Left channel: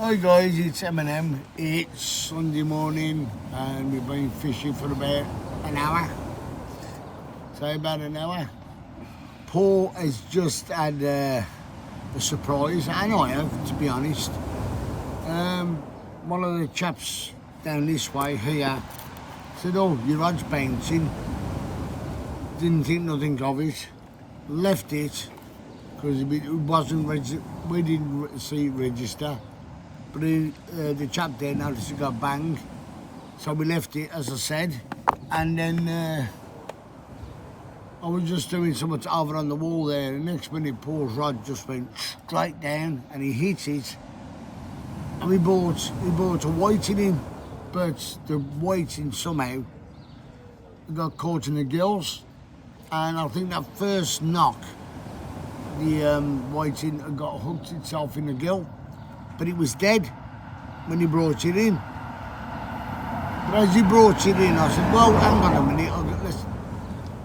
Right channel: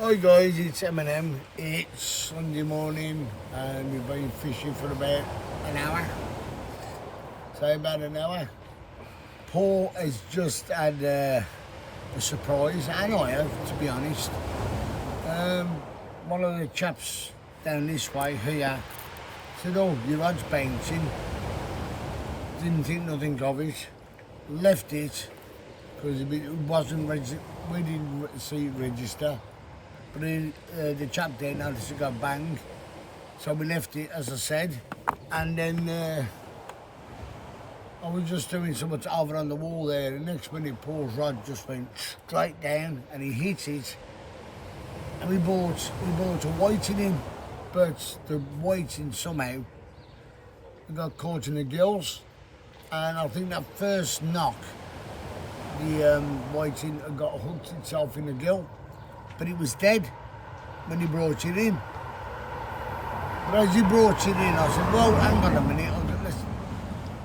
Hi guys, it's Eminem. It's Sunday morning and we've been fishing for about an hour. So about an hour. Paul has just had a surprise, and I have, to be honest. One of the chaps down this way here said, "Oh, your rod's bouncing." Didn't think nothing of it. Left it because it wasn't we didn't see it register. But the chap there noticed it got bang, so we left it as I said, and then I was just doing something over on the wall there. The next minute, Paul's rod just went straight down, and he hit it. And he brought a whiting in, but the whiting somehow got caught in the gills, and I think that first knock, the whiting had got hooked itself in the gill. But it was dead when he brought it in. But as he brought it in, I said, "Well, hang on a minute."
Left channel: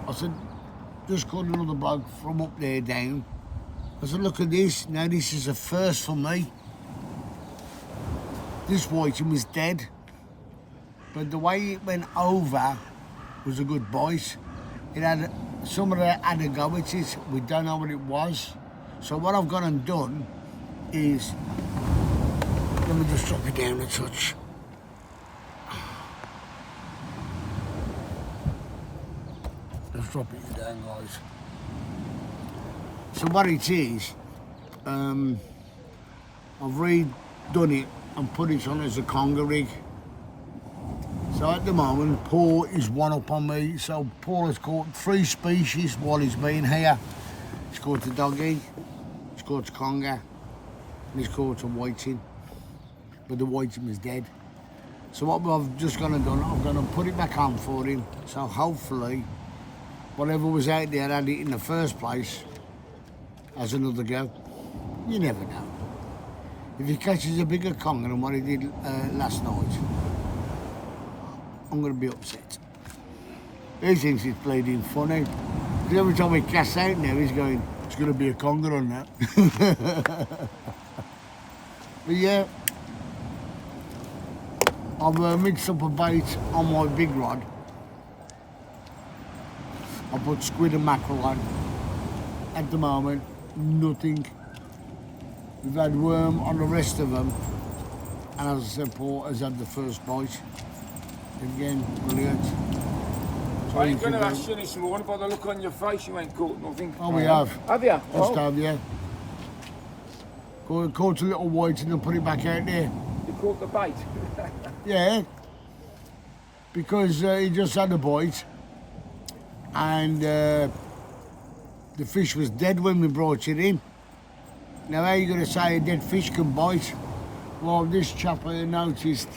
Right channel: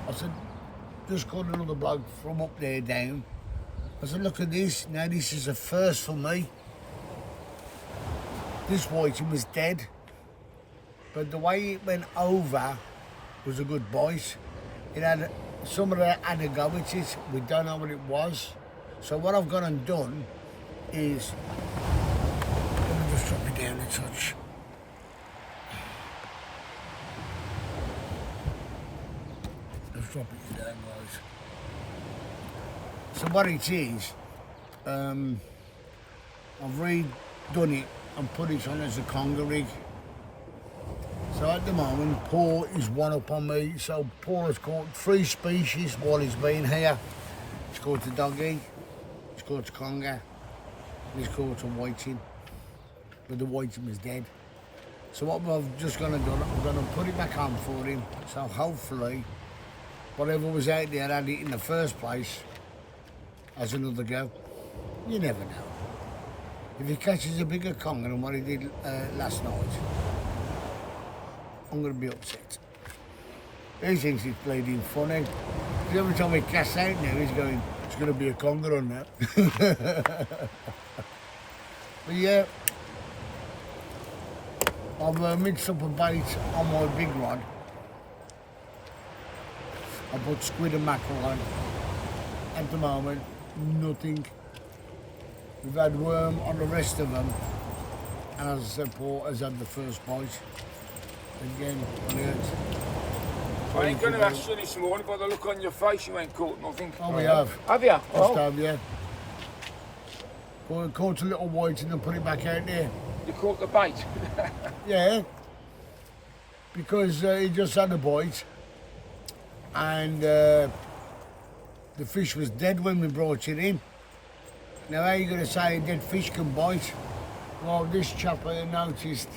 I said, "Just called another bloke from up there down." I said, "Look at this. Now this is a first for me. This whiting was dead, but the way it went over was a good bite. It had somebody had a go at it. We don't know what it was. So what I've gone and done is." Let me just drop it down a touch. Let's drop it down, guys. So what it is, I've redone it and put it on as a conger rig. So at the moment, Paul is one up on me. So Paul has caught 3 species while he's been here. He's caught a doggy, he's caught a conger, and he's caught a whiting. But the whiting was dead. So what I've just gone and done, I'm going to put it back on for him. So hopefully, whatever was out there had it in the first place has another go. You never know. If he catches a bigger conger than what he did last night, I'm going to be upset. He thinks it's bleeding funny. Because every time he casts out now, he's going, "It's going to be a conger on that." But yeah. I've mixed up a bait on my big rod. I put squid and mackerel on. At the moment, nothing. We've had worm on the rest of them. And as I said, Paul has had the first bite. Again, brilliant. I ain't going to ask you this morning, by the look on your face, you ain't caught nothing. Oh, we have. Have you? Just have, yeah. Caught a little whiting and put it back out there. You caught the bait? Yeah, because he just had a bite, and the fish was dead when we brought it in. Now, how are you going to say a dead fish can bite? Well, this chap noticed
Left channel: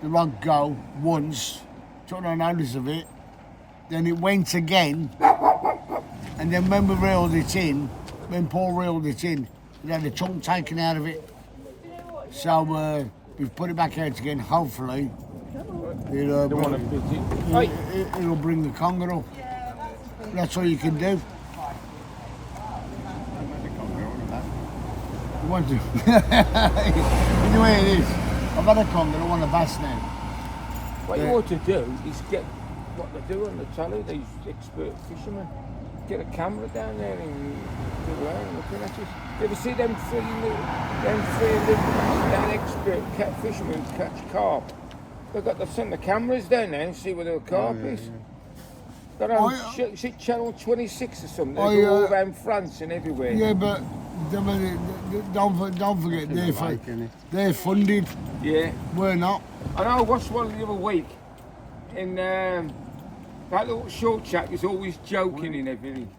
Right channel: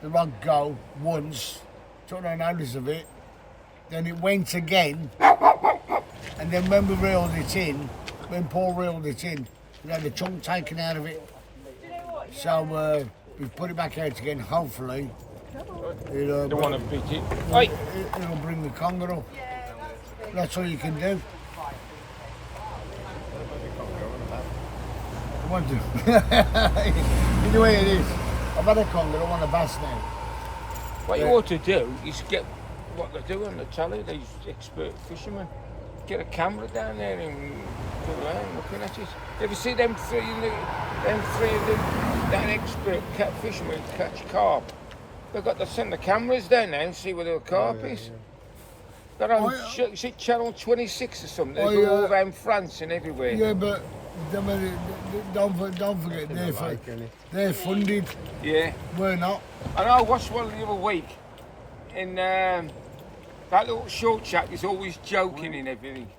the rod go once, took no notice of it, then it went again, and then when we reeled it in, when Paul reeled it in, we had a chunk taken out of it. So we've put it back out again, hopefully. It'll bring the conger up. That's all you can do. You want to? You know where it is. I've had a conger, I want a bass now. What you ought to do is get what they do on the telly, these expert fishermen. Get a camera down there and go around looking at it. You ever see them three expert fishermen catch carp? They've got to send the cameras down there and see where the carp is. They're on is it Channel 26 or something? They go all around France and everywhere. Yeah, but don't forget, they're funded. Yeah. We're not. And I watched one the other week in that little short chap is always joking and everything.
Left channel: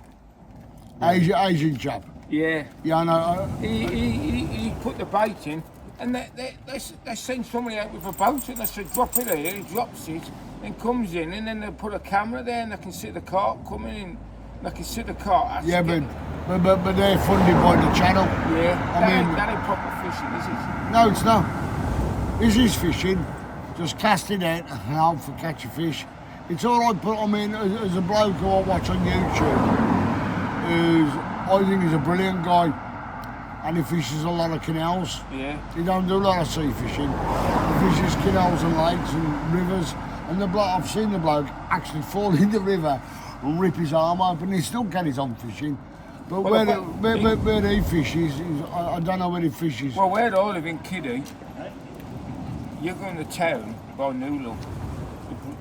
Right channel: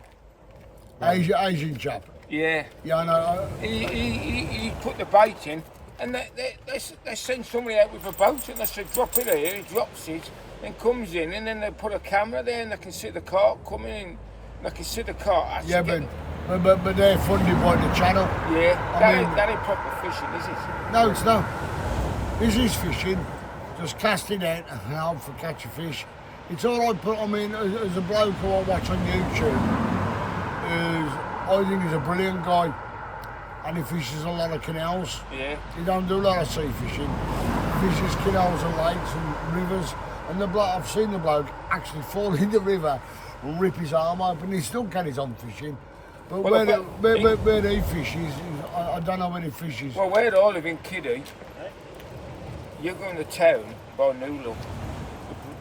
Asian chap. Yeah. Yeah, I know. He put the bait in, and they send somebody out with a boat, and they say, "Drop it here." He drops it, and comes in, and then they put a camera there, and they can see the carp coming in. They can see the carp. Yeah, but they're funded by the channel. Yeah. That ain't proper fishing, is it? No, it's not. This is fishing. Just casting out and hope for catch a fish. It's all right, but I mean, as a bloke who I watch on YouTube, I think he's a brilliant guy. and he fishes a lot of canals. Yeah. He don't do a lot of sea fishing. He fishes canals and lakes and rivers. And the bloke, I've seen the bloke actually fall in the river and rip his arm open. He still carries on fishing. But Well, where he fishes, I don't know where he fishes. Well, where I live in Kiddie, you go in the town by Newlook,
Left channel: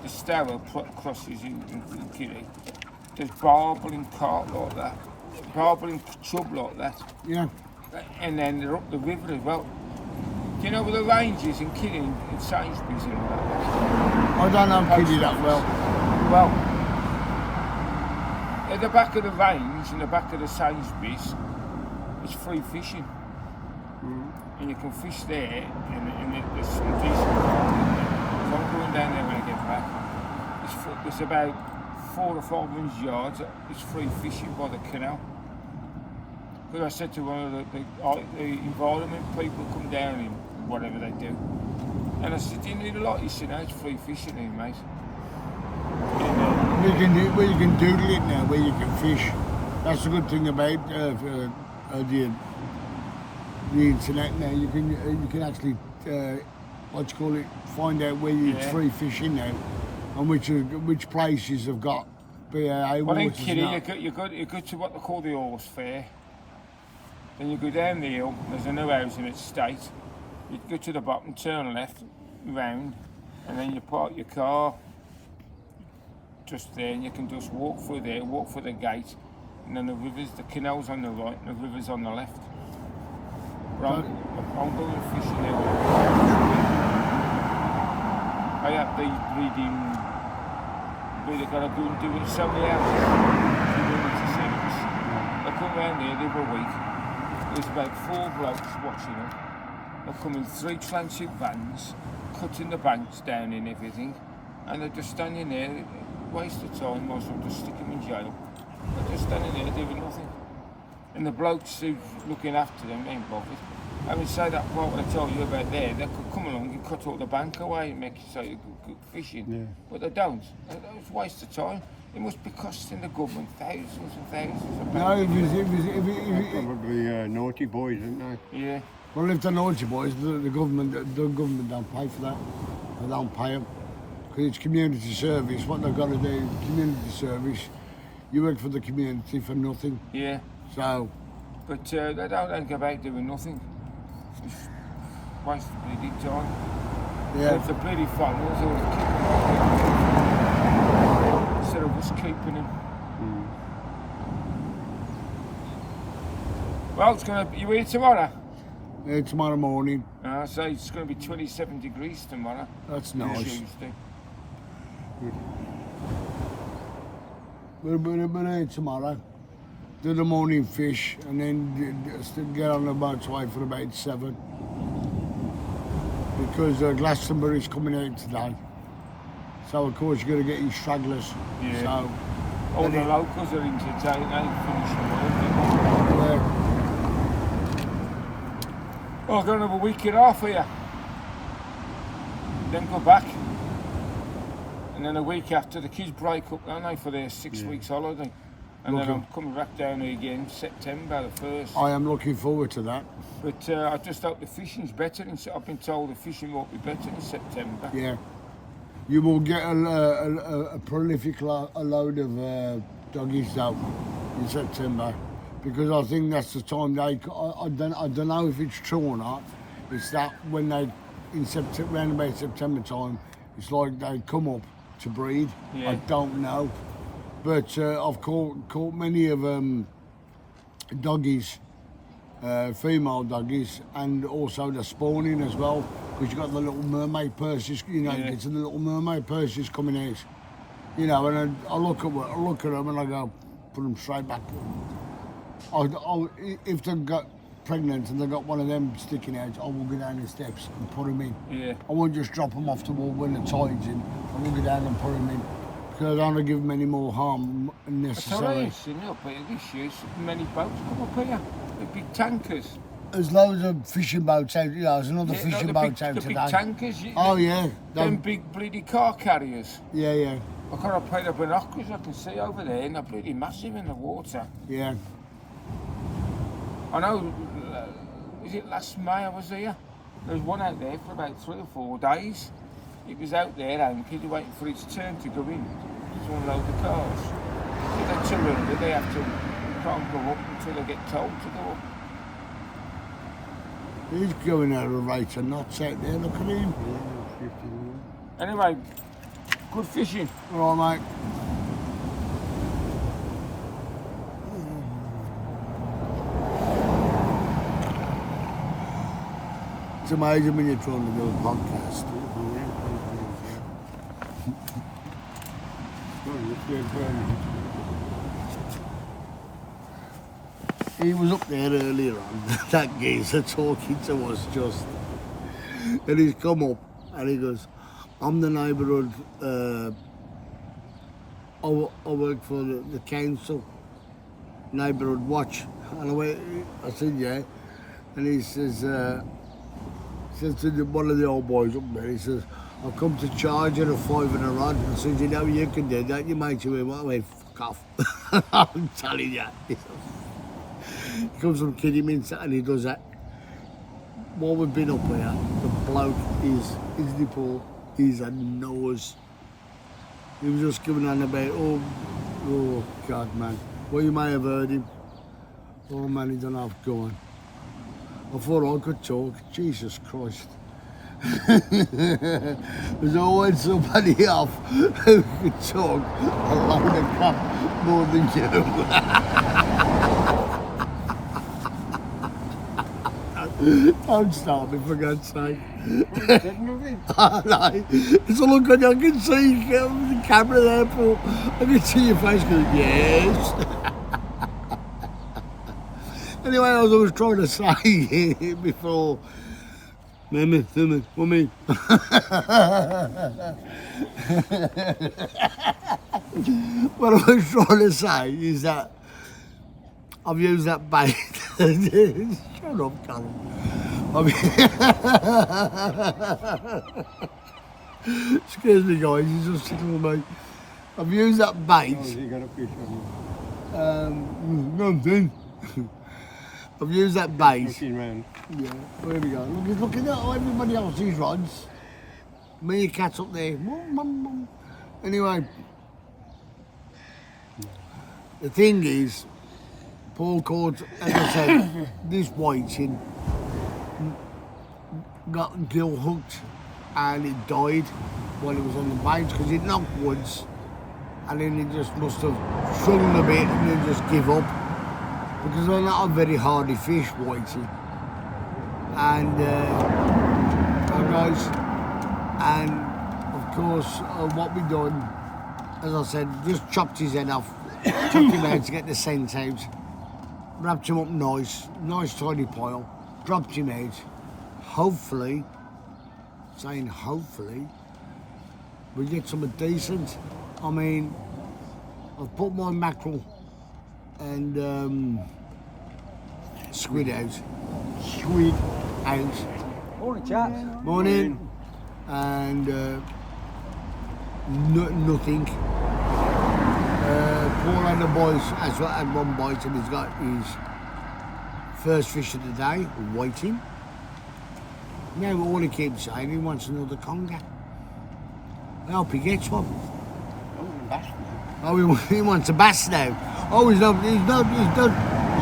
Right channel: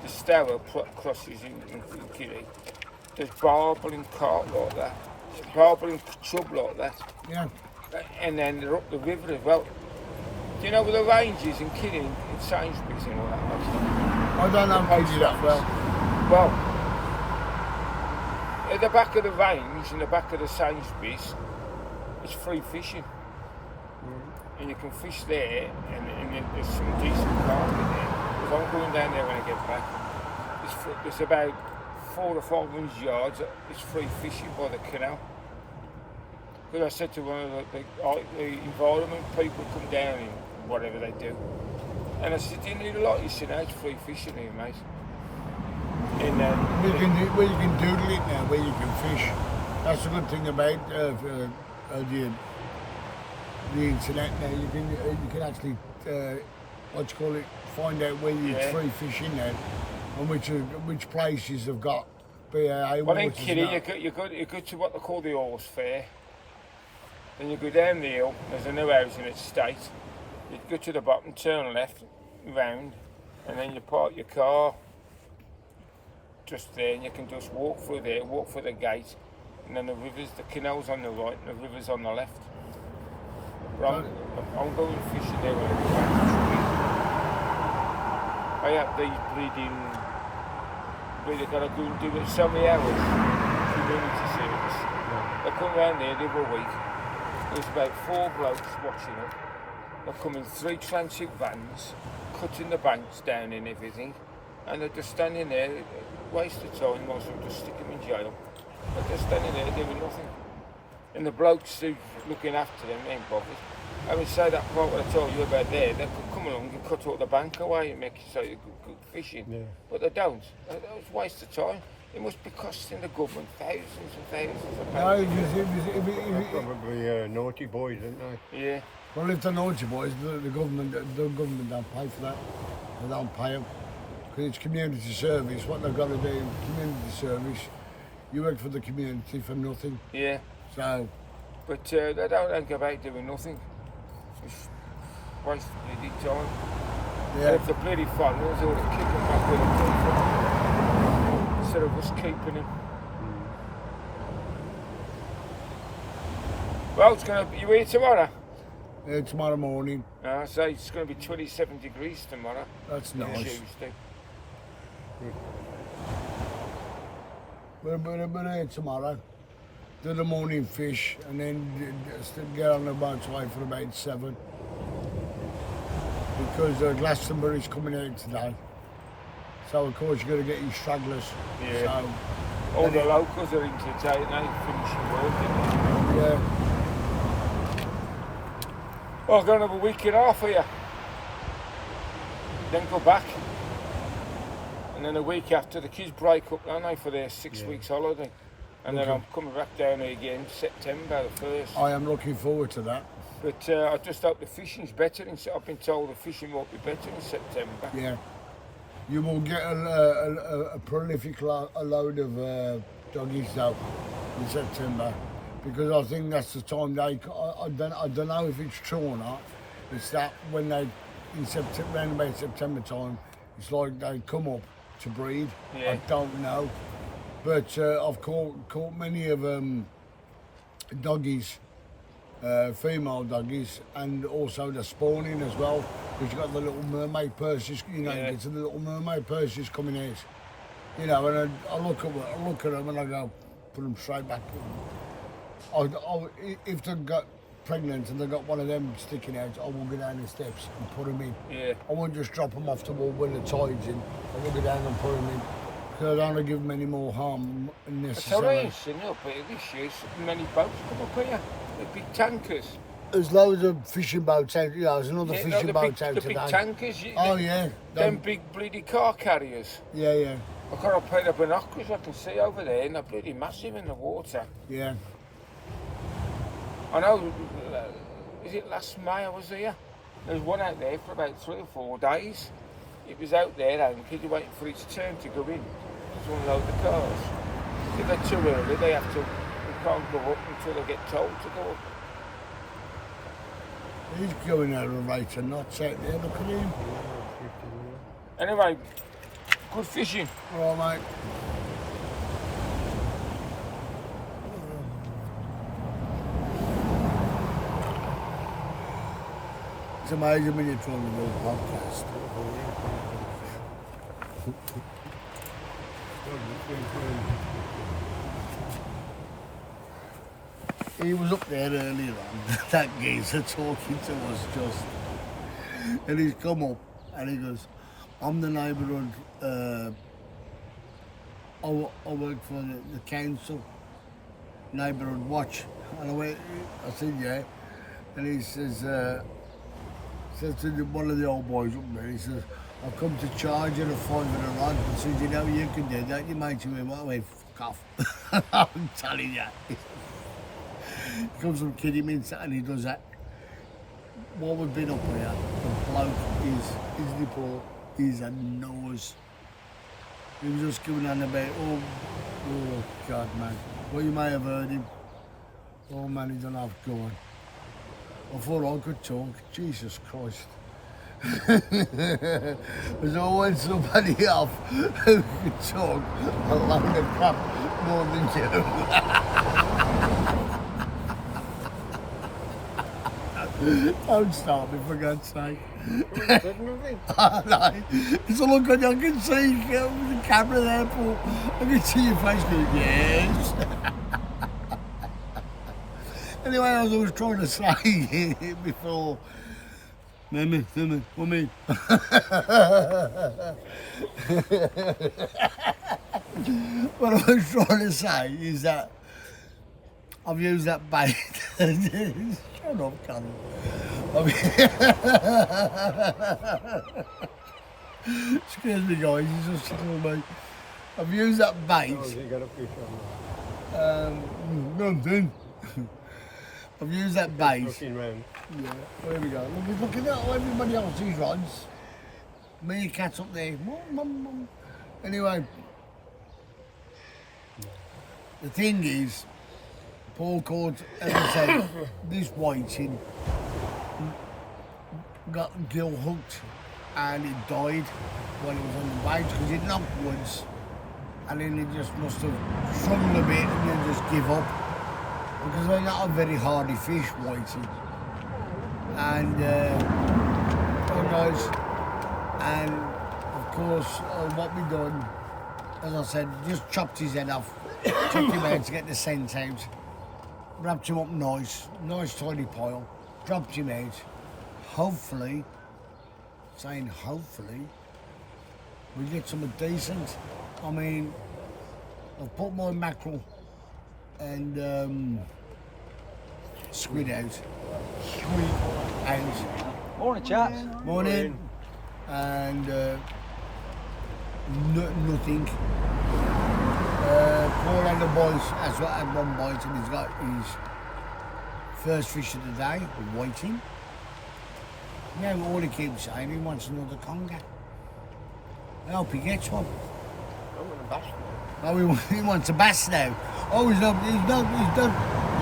the Stour crosses in Kiddie. There's barbling carp like that, barbling chub like that, Yeah. and then they're up the river as well. Do you know where the range is in Kiddie, in Sainsbury's and all that? I don't know Kiddie that well. Well, at the back of the range, in the back of the Sainsbury's, it's free fishing. And you can fish there, and there's some decent carp in there. So I'm going down there when I get back. It's about 400 or 500 yards. It's free fishing by the canal. Because I said to one of the environment people come down in whatever they do. And I said, do you need a lot? He said, no, it's free fishing here, mate. And, Where you can doodle it now, where you can fish. That's the good thing about the internet now. You can actually find out where it's free fishing now, and which places have got BAA well, in waters. Kiddie, you go to what they call the horse fair. Then you go down the hill, there's a new housing estate. You go to the bottom, turn left, round, and then you park your car just there, and you can just walk through there, walk through the gate, and then the canal's on the right, and the river's on the left. Right, I'm going fishing there. I have these breeding, really got to go and do it somewhere else. Community service. They come round there every week. There's about 4 blokes watching them. They come in 3 transit vans, cutting the banks down and everything, and they're just standing there, waste of time, most of them just stick them in jail. They're just standing there doing nothing. And the blokes who's looking after them ain't bothered. I mean, say that part what I told you about there, they could come along and cut all the bank away and make you say good fishing. Yeah. But they don't. It's a waste of time. It must be costing the government thousands and thousands of No, pounds. They're probably naughty boys, aren't they? Yeah. well, if they're naughty boys, the government don't pay for that. They don't pay them because it's community service. What they've got to do, community service. You work for the community for nothing. Yeah. So But they don't go back doing nothing. It's waste of bloody time. yeah, If the bloody funnels, they'll kick them off with instead of us keeping him. Well, it's gonna. You here tomorrow? tomorrow morning. I say it's going to be 27 degrees tomorrow. That's nice. Tuesday. We're here tomorrow. Do the morning fish and then get on the boat away for about 7. Because Glastonbury's coming out today. So of course you're going to get your stragglers. Yeah. So, All the locals are in today, they ain't finishing work. yeah. Oh, I'm going to have a week and a half here. Then go back. And then a week after, the kids break up, don't they, for their 6 weeks holiday. And then I'm coming back down here again, September the 1st. I am looking forward to that. But I just hope the fishing's better. I've been told the fishing won't be better in September. Yeah. You will get a prolific load of doggies though in September. Because I think that's the time I don't know if it's true or not. It's that when they, in September, around about September time, it's like they come up to breed. Yeah. I don't know. But I've caught many of doggies, female doggies, and also the spawning as well. Because you've got the little mermaid purses, you know, it's the little mermaid purses coming out. You know, and I look at them and I go, put them straight back. If they got pregnant and they got one of them sticking out, I will go down the steps and put them in. Yeah. I won't just drop them off the wall when the tide's in. I will go down and put them in. Because I don't want to give them any more harm necessarily. It's alright, up here this year, so many boats come up here. The big tankers. There's loads of fishing boats out, you know, there's another fishing the boat big, out the today. big tankers. Oh yeah. Them big bloody car carriers. Yeah, yeah, I've got a pair of binoculars I can see over there, and they're bloody massive in the water. yeah. I know was it last May I was here? There was one out there for about 3 or 4 days. It was out there anchored, waiting for its turn to go in to unload the cars. If they're too early, they have to can't go up until they get told to go up. He's going out of right and knots out there, look at him. Yeah, 15. Anyway, good fishing. All right, mate. It's amazing when you're trying to do a podcast. He was up there earlier on, that geezer talking to us just. And he's come up and he goes, I'm the neighbourhood, I work for the council, neighbourhood watch. And I said, yeah. And he says to one of the old boys up there, he says, I've come to charge you a 5 and a rod. I said, you know, you can do that, you mate, you went, well, I went, fuck off. I'm telling you. He comes from Kidderminster and he does that. While we've been up here, the bloke his report is a nose. He was just giving on about, oh God, man. Well, you may have heard him. Oh man, he don't have going. I thought I could talk. Jesus Christ. There's always somebody off who could talk a load of crap more than you. Don't stop me, for God's sake. Said nothing. No, it's a look on you, I can see the camera there, Paul. I can see your face going, yes. Anyway, as I was trying to say before, Mummy, what I was trying to say is that I've used that bait. Shut up, Colin. Excuse me, guys, he's just sitting on me. I've used that bait. Oh, you got a fish on Nothing. I've used that bait. looking round. Yeah, there we go. Look, he's looking at everybody else's rods. Me and cat's up there. Anyway, the thing is, Paul caught, as I said, this whiting got gill hooked and it died while it was on the bait because it knocked once and then it just must have swung a bit and then just give up. Because they're not a very hardy fish, whiting. And, oh guys, and of course, what we done, as I said, just chopped his head off, took him out to get the scent out, wrapped him up nice tidy pile, dropped him out. Hopefully, saying hopefully, we get something decent. I mean, I've put my mackerel and squid out. Squid out. Morning, chaps. Morning. And nothing. Paul and the boys has had one bite and he's got his first fish of the day, waiting. Now all he keeps saying, he wants another conger. I hope he gets one. I'm going to bash now. Oh, he wants a bass now. Oh, he's not, you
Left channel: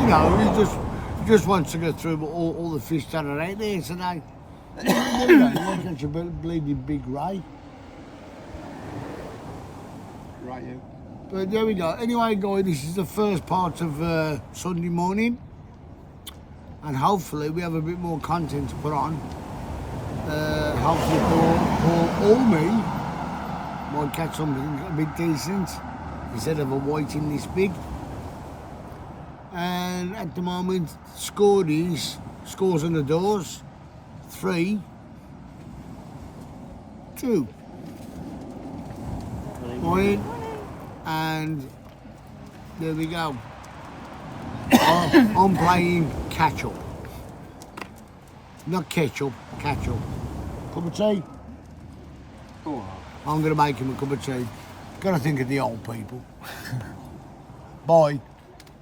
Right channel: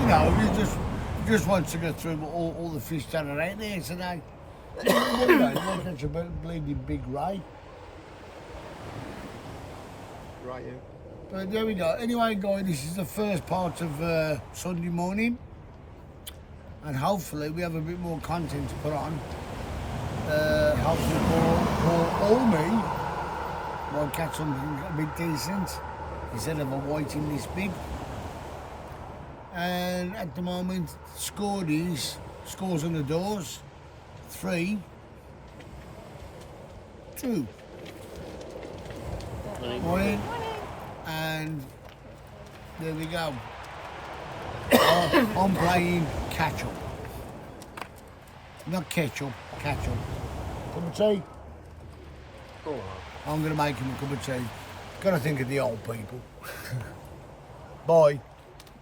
know, he just wants to go through all the fish that are out there today. He wants catch a bleeding big ray. Right, yeah. But there we go. Anyway, guys, this is the first part of Sunday morning. And hopefully we have a bit more content to put on. Hopefully Paul or me might catch something a bit decent instead of a whiting this big. And at the moment, scores on the doors, 3-2. Morning. And there we go. I'm playing catch up. Not ketchup, catch up. Cup of tea? Oh, I'm going to make him a cup of tea. Got to think of the old people. Bye.